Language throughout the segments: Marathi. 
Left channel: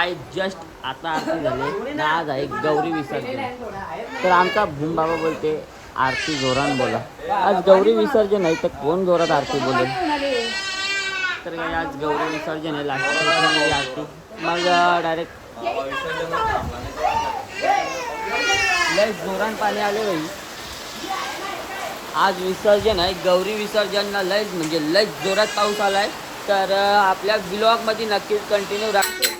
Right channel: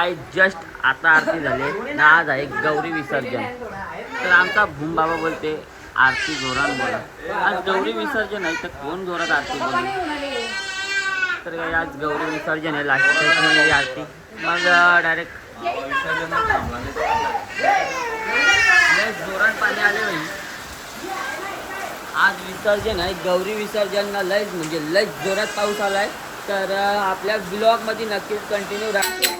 काय जस्ट आता आरती झाली ना आज आहे गौरी विसर्जन. तर आमचा भूम बाबा बोलते आरती जोरान बोला. आज गौरी विसर्जन आहे तर कोण जोरात आरती बोलेल? तर काय आज गौरी विसर्जन आहे लास्ट ही आरती. मग डायरेक्ट लय जोरान पाणी आले बाई. आज विसर्जन आहे गौरी विसर्जन लयच म्हणजे लयच जोरात पाऊस आलाय. तर आपल्या ब्लॉगमध्ये नक्कीच कंटिन्यू राहा.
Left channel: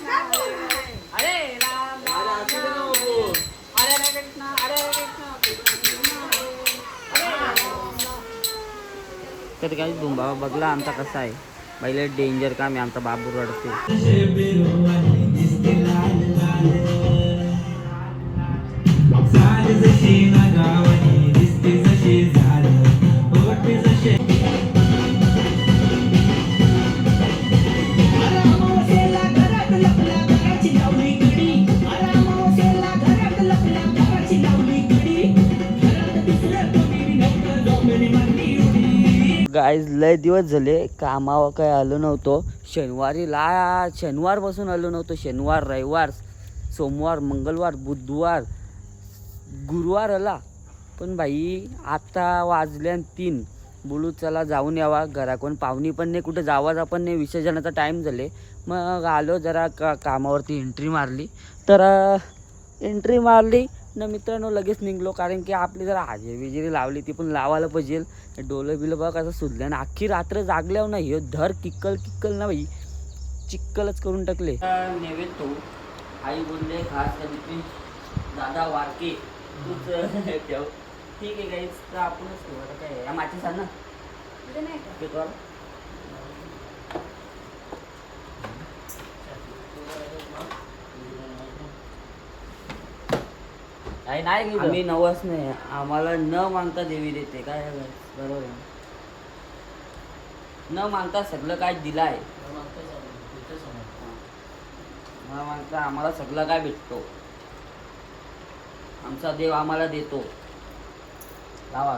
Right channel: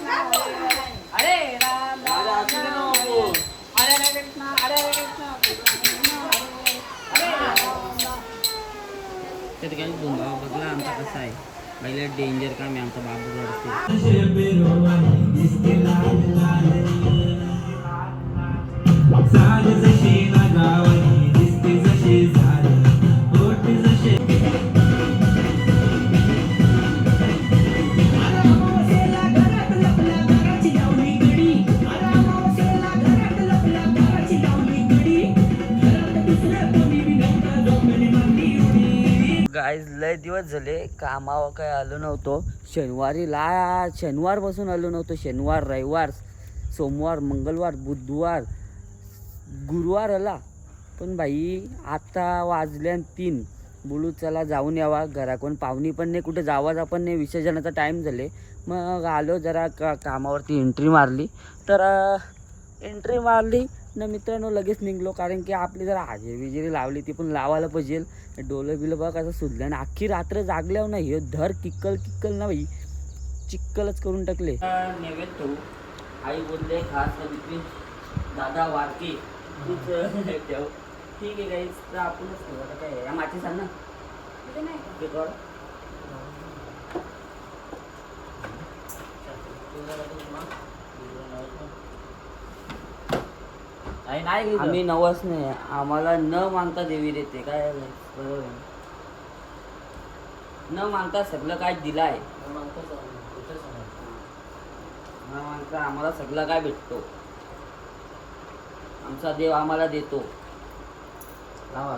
तर काही धुंबा बघला आमचा कसा आहे. पहिले डेंजर काम आहे आमचा बाबू रडते. लय दिवस झाले कामावर काय आलो नव्हतो. शनिवारी ला शनिवार आलो नव्हतो. शनिवार रविवार सोमवार मंगळवार बुधवार गुरुवार आला. पण बाई आता वाजल्या तीन. बोलू चला जाऊन यावा. घराकडून पाहुणी पण नाही कुठे जावाचा पण नाही. विसर्जनाचा टाईम झाले. मग आलो जरा का कामावरती. एंट्री मारली. तर एंट्री मारली. ना मित्रांनो लगेच निघलो. कारण की आपली जरा हाजेरी बिजेरी लावली ती पण लावायला पाहिजे. डोलं बिलं बघ कसं सुजलं आणि अख्खी रात्र जागल्यावर ना हे धर किक्कल किक्कल ना बाई. चिक्कलच करून टाकले. नैवेद्य तो. आई बोलले खास दादा वारके. ठीक आहे काही तर आपणच आता काय या माची सांग ना. ते कर. आम्ही नवस नाही. आम्हाला न मागता देवी देते. काय बरोबर आहे. न मागता सगळं काय दिलं आहे न मागता आम्हाला सगळं काय भेटतो? आमचा देव आम्हाला देतो. लावा.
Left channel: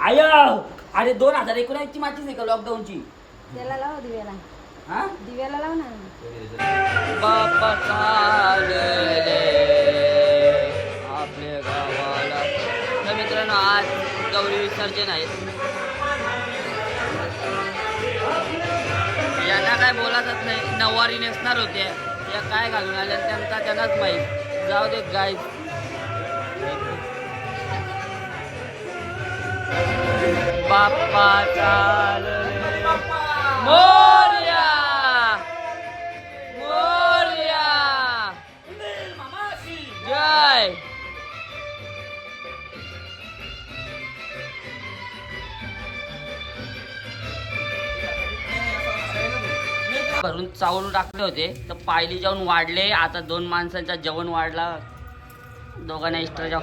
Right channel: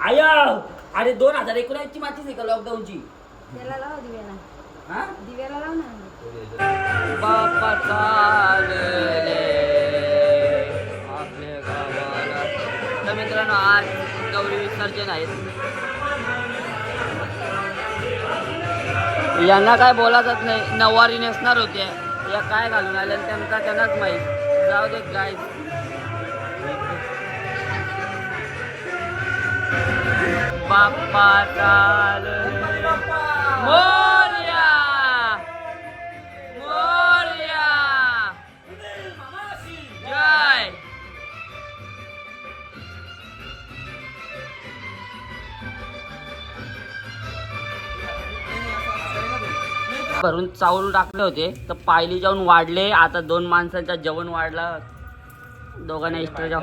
आय! अरे दोन हजार एकोणऐंशी माचीच आहे का लॉकडाऊनची त्याला लाव दिव्याला. दिव्याला लाव ना. बाप्पा चालले. आपल्या गावाला. तर मित्रांनो आज गौरी विसर्जन आहे. यांना काय बोला जात नाही. नऊवारी नेसणार होते. या काय घालून आल्या त्यांचा त्यांनाच माहीत. जाऊ दे गाय बाप्पा चालले. मोर्या जय भरून चावून टाकले होते तर पायली जाऊन वाढले. आता दोन माणसांचा जेवण वाढला. दोघांना एक्स्ट्रा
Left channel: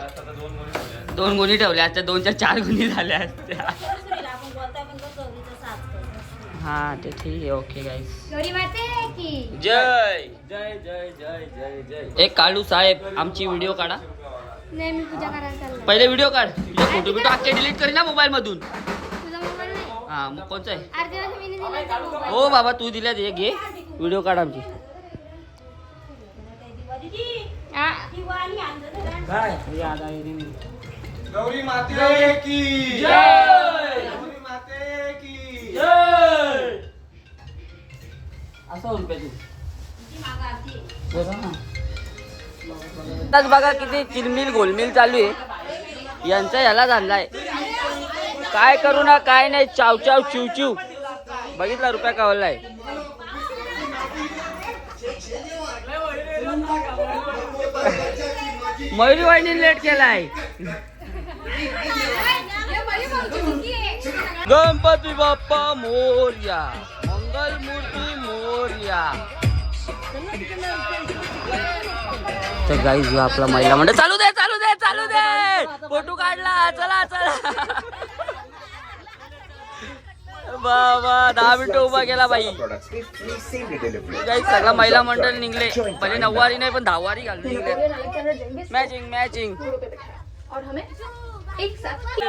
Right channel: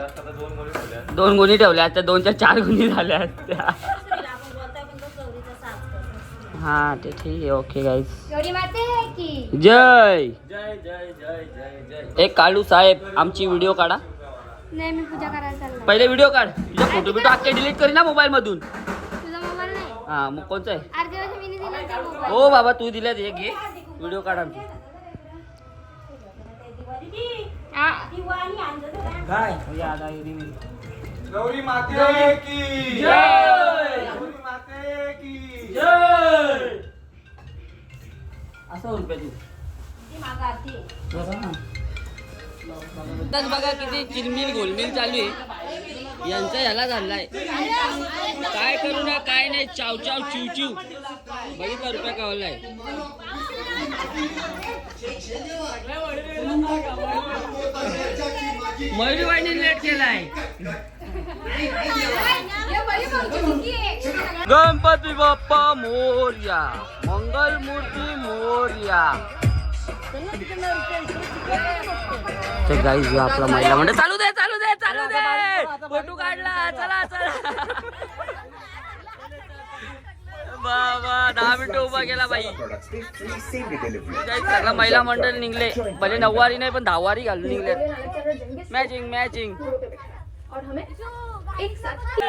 दोन गुणी ठेवल्या असत्या दोनच्या चार गुणी झाल्या असत्या. हा ते ठीक आहे ओके की। जय। जय जय जय जय जय। एक काळू साहेब आमची व्हिडिओ काढा. नाही मी पूजा करायला चालला. पहिले व्हिडिओ काढ. तुझे फोटो बिटो अख्खे डिलीट करी ना मोबाईल मधून. तुझा मोबाईल नाही? हा मग कोणचा आहे? दिला हो बाबा तू दिल्या ते घे. व्हिडिओ काढ आमची. गौरी माते की. जय! असं रुपयाची बघा किती चिलमिल गोलमिल चालू आहे. यांचा ह्याला झालाय. काय करू ना काय नाही चाव चाव चिव चिव. बघितला रुपया कावलाय. मयुरी वाहिनी लेट केलाय. गणपती बाप्पा मोर्या मंगल मूर्ती मोर्या. तर गाईज आपला महिला मंडळ चालू दे चालू दे चालू दे. फोटो काढला चला चला. बाबा दहा मिनिटं उभा केला बाई. काही सगळा महिला मंडळ निघले. भले नऊवारी नाही पण दहावारी घालून निघले. मॅचिंग मॅचिंग साथ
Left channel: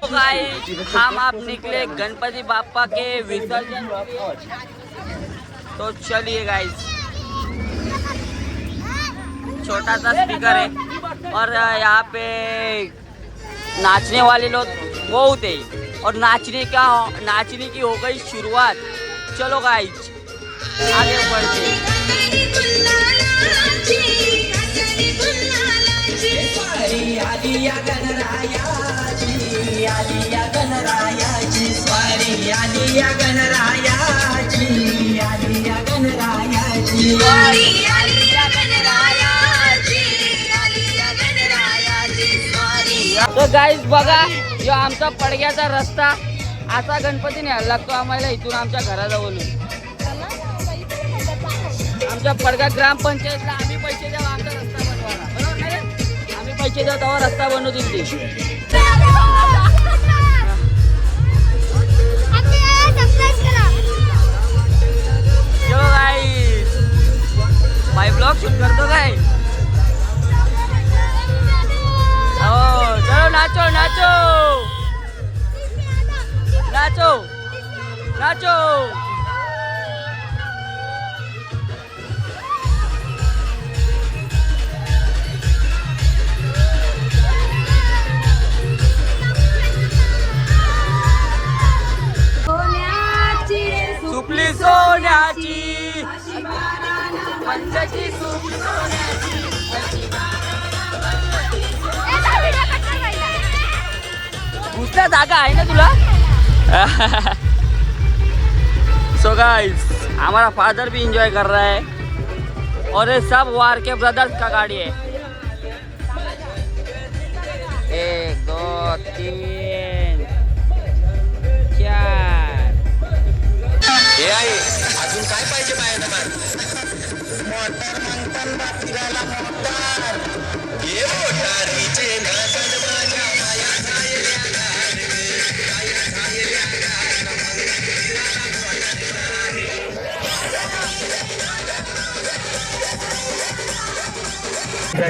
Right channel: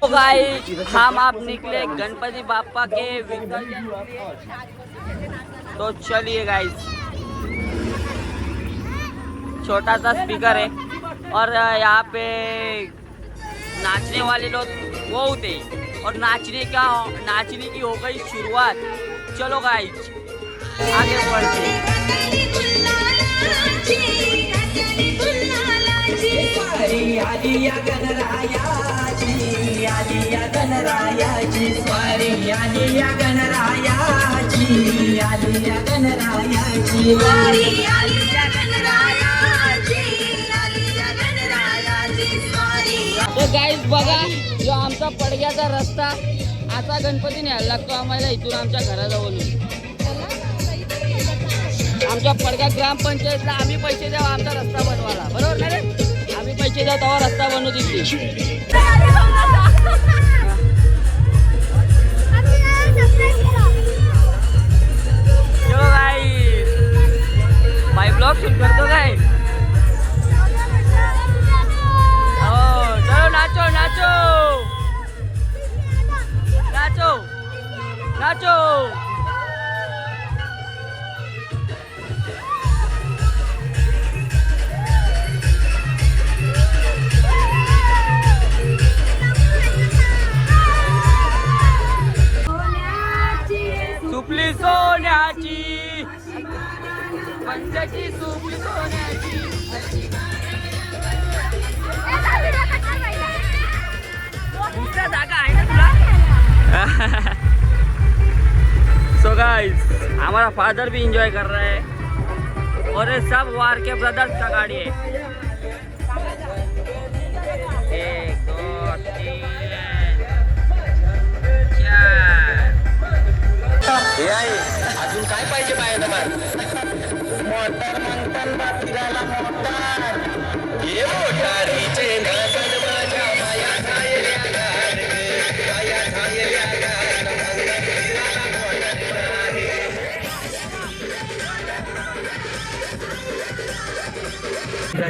तो गाइस हम आप निकले गणपति बापा के विसर्जन। तो चलिए गाइस छोटा सा स्पीकर है। और यहाँ पे नाचने वाले लोग बहुत है। और नाचने का, नाचने की हो गई शुरुआत। चलो गाइस आगे बढ़ते तर गाईज बघा जो आमचा पडग्याचा रस्ता. असा गणपती न्यायला लागतो आम्हाला इथून आमच्या घराजवळून. आमच्या पडगा ग्रामपंचायतला आम्ही पैसे द्यावा आमचा रस्ता बनवायला. बरोबर ना रे आम्ही पैसे द्याव तेव्हा रस्ता बनवू दिली चलो गाईज बाय ब्लॉग शूट करतो काय हो चलो नाचो नाचो नाचो नाचो गाइस हमारा फादर भी इंजॉय कर रहा है। और ये सब वार के ब्रदर्स का गाड़ी है। एक दो तीन चार। अजून काय पाहिजे बाहेर मोटर म्हणतात फिरायला मोटार. मोटारीचे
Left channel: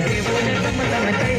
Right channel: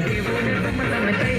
அறிவு நமக்கே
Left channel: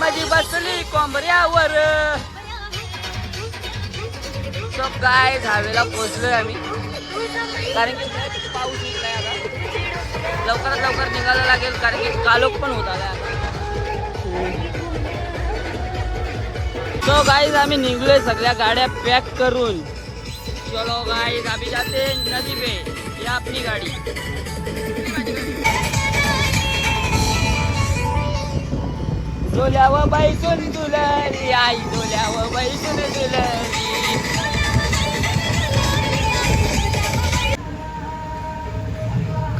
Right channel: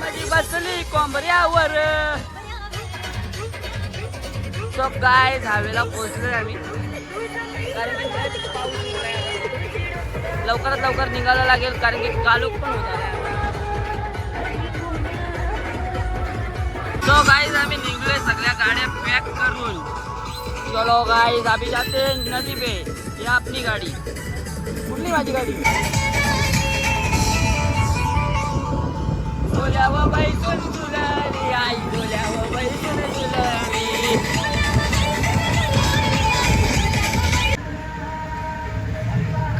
साजरी बसली कोंबऱ्यावर सब काय झावेला पोचलोय आम्ही कारण की पाऊस निघलाय लवकरात लवकर निघायला लागेल कारण की कालोख पण होता तो गाईज आम्ही निघलोय सगळ्या गाड्या पॅक करून. चलो गाइस अभी जाते हैं नदी पे। ये आपली गाडी। कुठली माझी गाडी? डोल्यावर बाईकून दुलरी आई डोल्यावर बाईकून दुलरी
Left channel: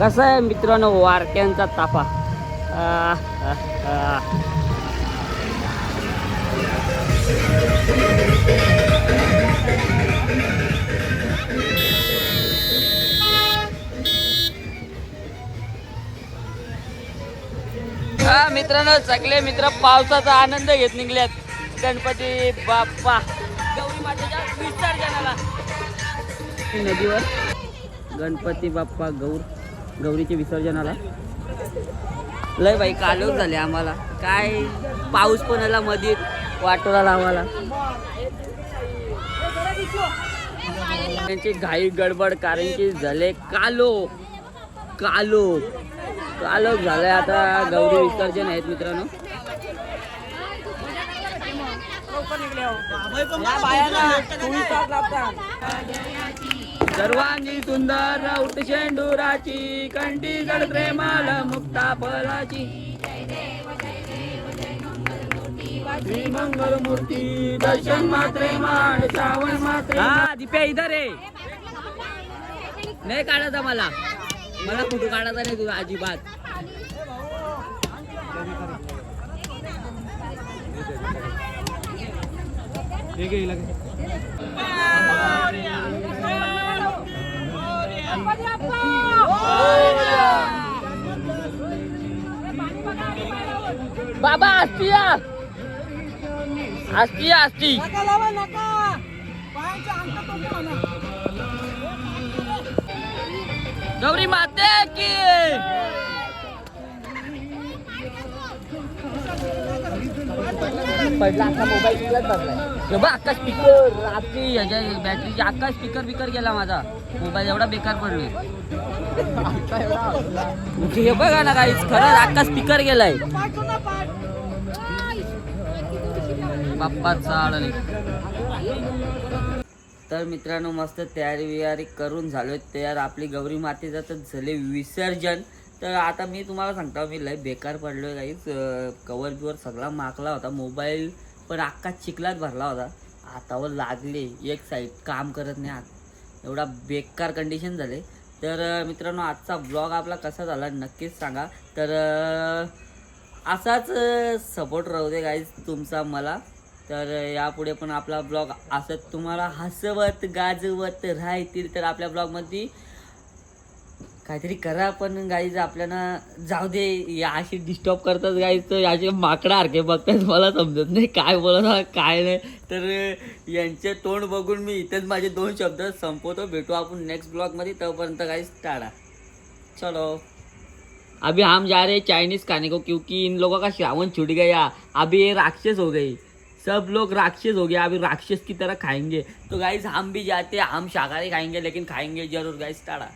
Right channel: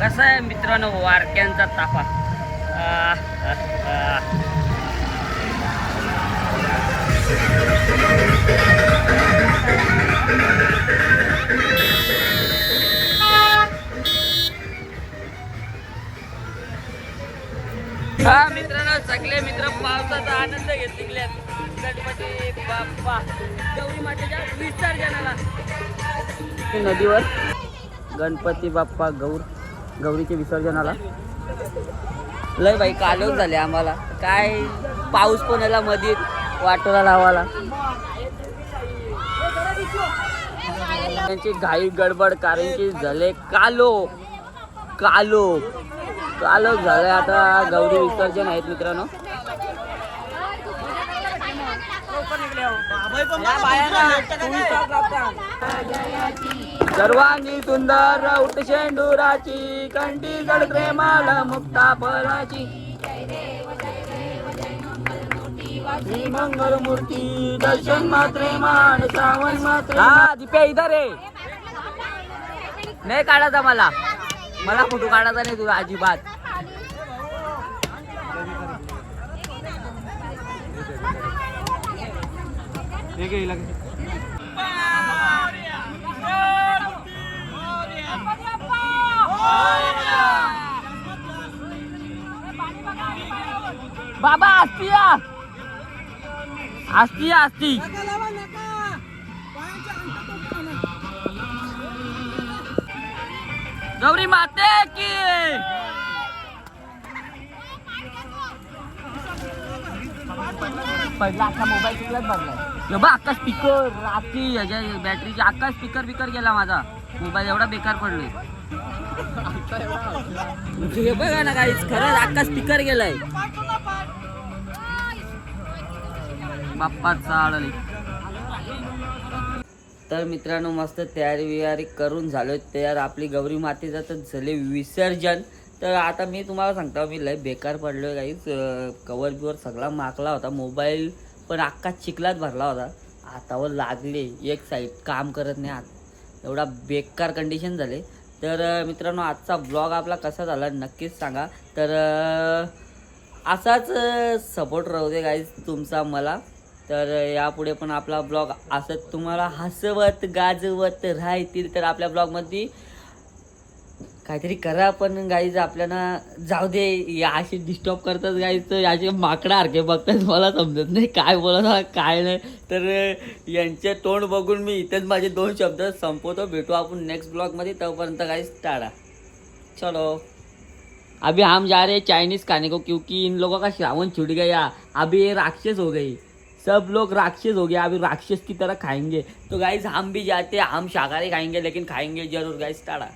कसं आहे मित्रांनो वारक्यांचा ताफा? मित्रांनो सगळे मित्र पावसाचा आनंद घेत निघल्यात गणपती बाप्पा. गौरी मातेच्या विसर्जनाला. नदीवर गणपती बाप्पा गौर गौरीच्या विसर्जनाला. लय बाई कालोख झाले आम्हाला. काय पाऊस पण आला मध्ये वाटोला लावाला त्यांची घाई गडबड कारण की झाले कालो. कालो. कालो झालंय आता गौरी विसर्जन आहेत मित्रांनो. सर्वांगी सुंदर उठ शेंडुराची कंटीगड प्रेमाल मुक्ता पराची मूर्ती दर्शन मात्रे मान श्रावण मात्रे हा दिप्या इधर आहे नाही काढायचा मला. मला फोटो काढायचा नाही तुला अजिबात. बाबा असती असती गौरी माते की. पहिला अख्खा मोबाईल तिकलाच बसलाय बघ अख्खा स्पीकर रात्री याच्या बॅटरीची अख्खा स्पीकर बिकर गेला माझा. मोबाईल एवढा बेकार पडलोय. हे बघा ना काही खरंच अख्खा स्पीकर गेलाय. बाप्पाचा आळले तर मित्रांनो मस्त तयारी वियारी करून झालो तयार आपली गौरी मातेचं तर झाले विसर्जन. तर आता मी तुम्हाला सांगतो मी लय बेकार पडलो काहीच कवर बिवर सगळा माकला होता. मोबाईल पण अख्खा चिखलात भरला होता. हातावर लागले. एक साईड काम करत नाही हात एवढा बेकार कंडिशन झाले. तर मित्रांनो आजचा ब्लॉग आपला कसा झाला नक्कीच सांगा. तर असाच सपोर्ट राहू दे गाईज तुमचा मला. तर यापुढे पण आपला ब्लॉग असंच तुम्हाला हसवत गाजवत राहतील. तर आपल्या ब्लॉगमध्ये काहीतरी करा पण गाईज आपल्याला जाऊ दे या अशी डिस्टर्ब करतात गाईज तर याचे माकडासारखे बघतात मला समजत नाही काय बोलत काय नाही. तर यांचे तोंड बघून मी इथेच माझे दोन शब्द संपवतो. भेटू आपण नेक्स्ट ब्लॉगमध्ये तोपर्यंत गाईज टाळा चलो. अभी हम जा रहे चायनीज चाइनीज खाने को क्योंकि इन लोगों का श्रावण छूट गया। अभी ये राक्षस हो गई सब लोग राक्षस हो गया अभी राक्षस की तरह खाएंगे। तो गाइज हम भी जाते हैं। हम शाकाहारी खाएंगे लेकिन खाएंगे जरूर गाइज टाड़ा.